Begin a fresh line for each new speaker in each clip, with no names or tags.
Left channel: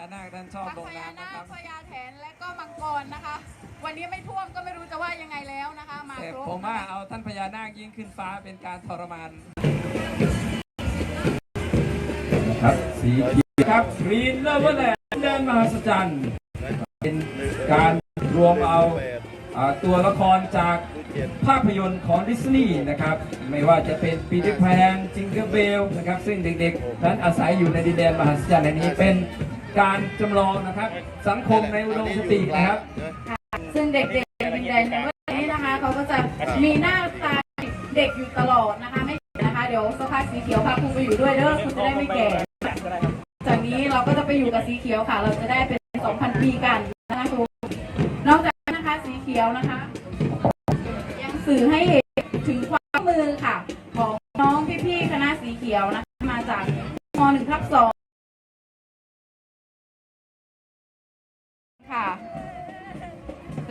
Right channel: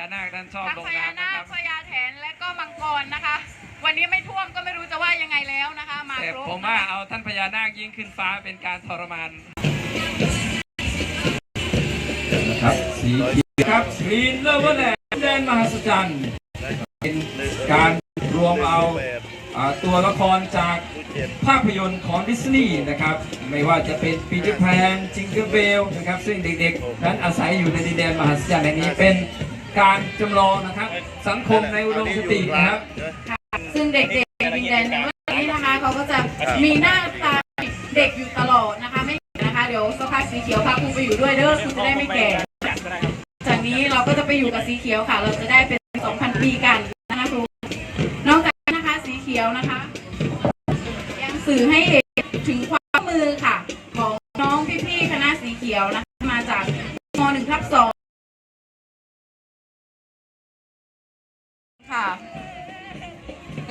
ญานาคท่านชอบ
ทั้ง
ลง
พญา
น้ำ
นา
นะค
ครับ พญาแถนและก็มังกรนะคะ วันนี้ไม่ท่วมก็ไม่รู้จะว่ายังไงแล้วนะคะ มา
แต่
ครบ
ผมว่าเอาท่านพญานาคยิ่งขึ้นฟ้าเป็นการทรมาน
ครับสีเขียวครับกรีนเลเวอร์แลนด์แดนมหัศจรรย์เป็นการรวมเอาอ่าตัวละครจากภาพยนตร์ของดิสนีย์นะครับ ไม่ว่าจะเป็นปีเตอร์แพนจิงเกิลเบลนะครับ ซึ่งเด็กๆ นั้นอาศัยอยู่ในดินแดนมหัศจรรย์แห่งนี้เป็น การจำลองนะครับ สังคมในอุดมคตินะครับ
ซึ่งเด็กๆดินแดนในเรื่องนี้นะคะเขาก็จะมีหน้าตาเด็กอยู่ตลอดนะคะไม่นะคะ เดี๋ยวสักพักสีเขียวพาครูไปอยู่ด้วยเด้อคุณจะได้ไม่แก่ จากนี้เราก็จะไปอยู่กับสีเขียวค่ะ เราจะได้เป็น 2,000 ปีกันนะคะครูนอกจากนั้นนะคะสีเขียวนะคะ ยังสื่อให้เห็นถึงความมือค่ะ ของน้องพี่ๆคณะสีเขียวนะคะมาจากม .1 ทับ2 ค่ะ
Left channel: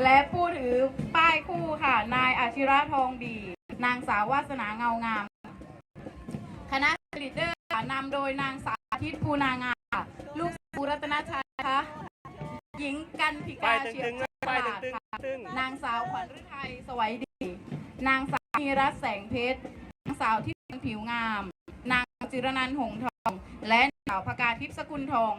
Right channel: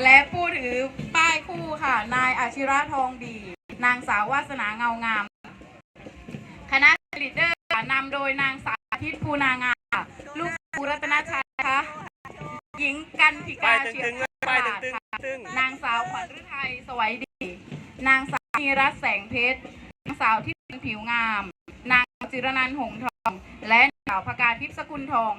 และผู้ถือป้ายคู่ค่ะ นายอาชิระทองดี นางสาววาสนาเงางาม คณะลีดเดอร์ค่ะนำโดยนางสาธิตภูนางาค่ะลูกภูรัตนชัยนะคะหญิงกันธิกาเชียร์ปราดค่ะนางสาวขวัญฤทัยสวัยดี นางสาวนีรัตน์แสงเพชร นางสาวทิพย์ผิวงาม นางจิรนันท์หงส์ทอง และนางสาวพกาทิพย์สกุลทอง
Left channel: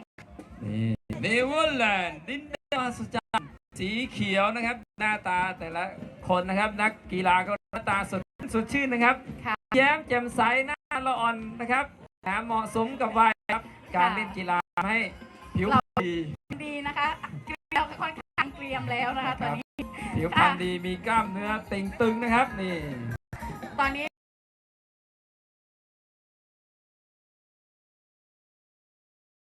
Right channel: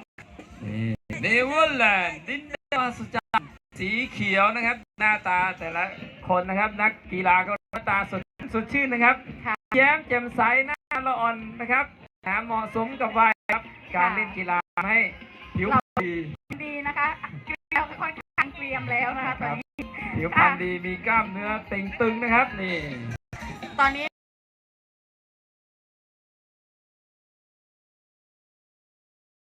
เนเวอร์แลนด์ดินแดน มหัศจรรย์สีเขียวนะครับ หน้าตาแต่ละคนนะครับ นักกีฬาก็หน้าตาสดสดชื่นนะครับ
ค่ะ
แย้มแจ่มใสหน้าละอ่อนนะครับนะเหมาะสมกับวัยครับ การเล่นกีฬาให้ผิวพรรณดี
ดีนะคะเกลียมค่อนข้างเกรียมแล้วนะคะตอนนี้
ผิวพรรณดีมีกล้ามเนื้อเต่งตึงนะครับนี่
ตอนนี้